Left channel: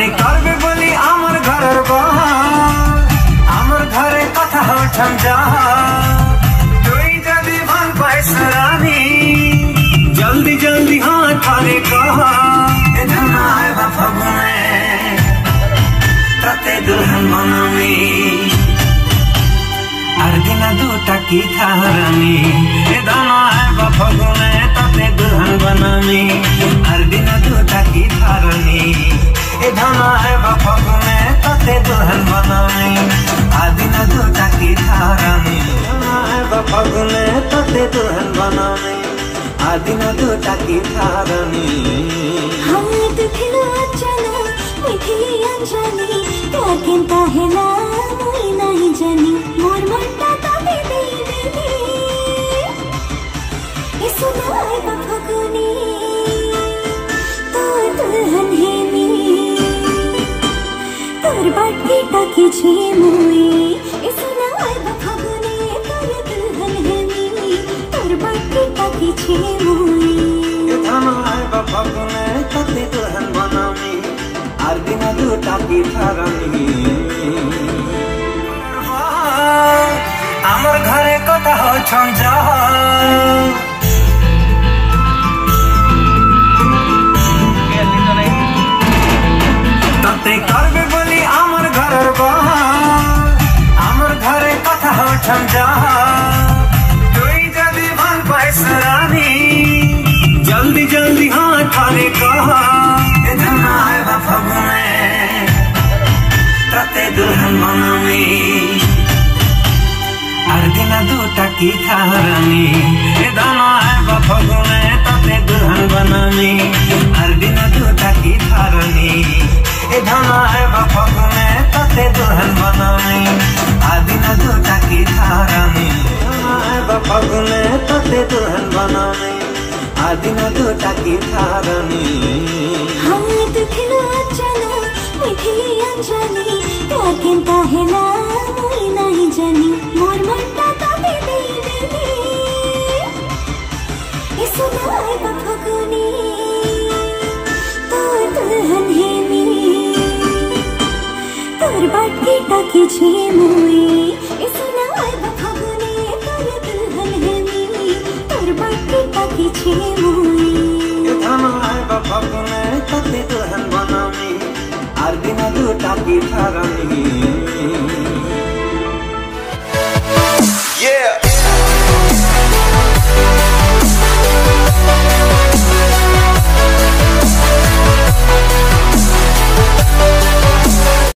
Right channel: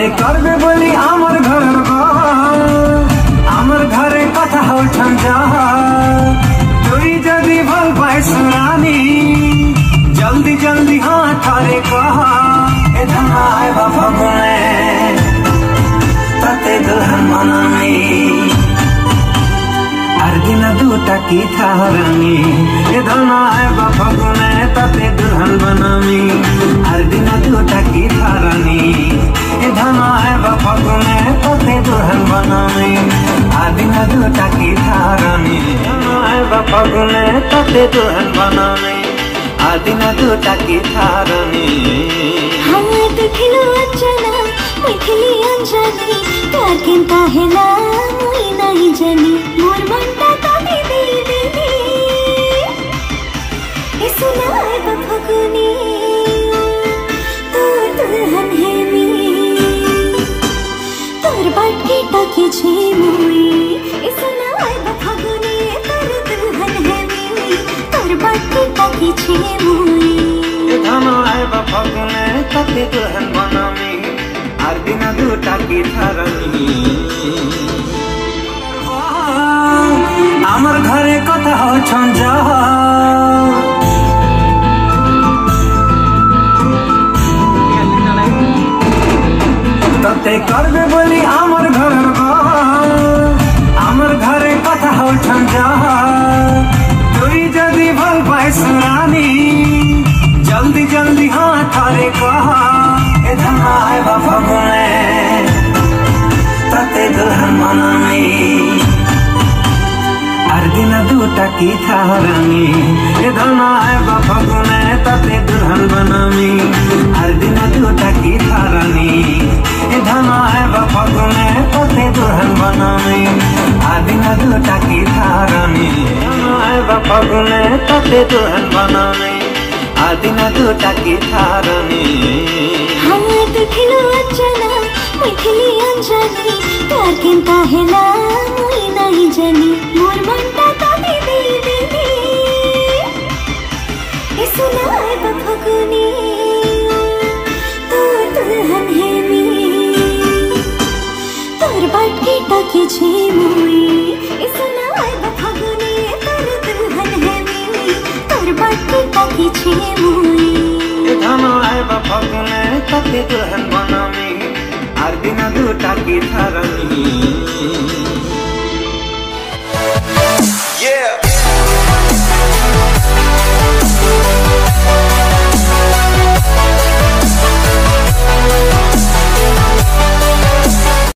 তাতে করবে বলি আমার ঘরের বাহার, আমার ঘরে কথা উঠান যা। তুই যদি ভাল পাইস রানী, জলদি জলদি হাত করে কহা। এ ধানায় বা ফাগুনে তাতে দুলহান বানামি, আর দিনা দুটা কি থারানি। এ ধানায় বা ফাগুনে তাতে দুলহান বানামি, আর দিনা দুটা কি থারানি। এ ধানায় বা ফাগুনে তাতে দুলহান বানামি, আর দিনা দুটা কি থারানি। ধানায় বা ফাগুনে তাতে দুলহান বানামি, আর দিনা দুটা কি থারানি। हमें देखिलो अचाना मिठली अंजनी, प्यार किंता हेला मुई नहीं जानी। मोर मनटा तबे दे दे दे इस नाय बफगनी, तोर दुल्हन है मी, तोर बाटकी टकी छे मुई। इस नाय बफगनी तोर दुल्हन है मी, तोर बाटकी टकी छे मुई। ধানায় বা ফাগুনে তাতে দুলহান বানামি, আর দিনা দুটা কি থারানি। আমার ঘরে কথা হচ্ছন যা, তাতে করবে বলি আমার ঘরের বাহার, আমার ঘরে কথা হচ্ছন যা। তুই যদি ভাল পাইস রানী, জলদি জলদি হাত করে কহা। এ ধানায় বা ফাগুনে তাতে দুলহান বানামি, আর দিনা দুটা কি থারানি। এ ধানায় বা ফাগুনে তাতে দুলহান বানামি, আর দিনা দুটা কি থারানি। এ ধানায় বা ফাগুনে তাতে দুলহান বানামি, আর দিনা দুটা কি থারানি। ধানায় বা ফাগুনে তাতে দুলহান বানামি, আর দিনা দুটা কি থারানি। हमें देखिलो अचाना मिठली अंजनी, प्यार किंता हेला मुई नहीं जानी। मोर मनटा तबे दे दे दे इस नाय बफगनी, तोर दुल्हन है मी, तोर बाटकी टकी छे मुई। इस नाय बफगनी तोर दुल्हन है मी, तोर बाटकी टकी छे मुई। ধানায় বা ফাগুনে তাতে দুলহান বানামি, আর দিনা দুটা কি থারানি। Yeah.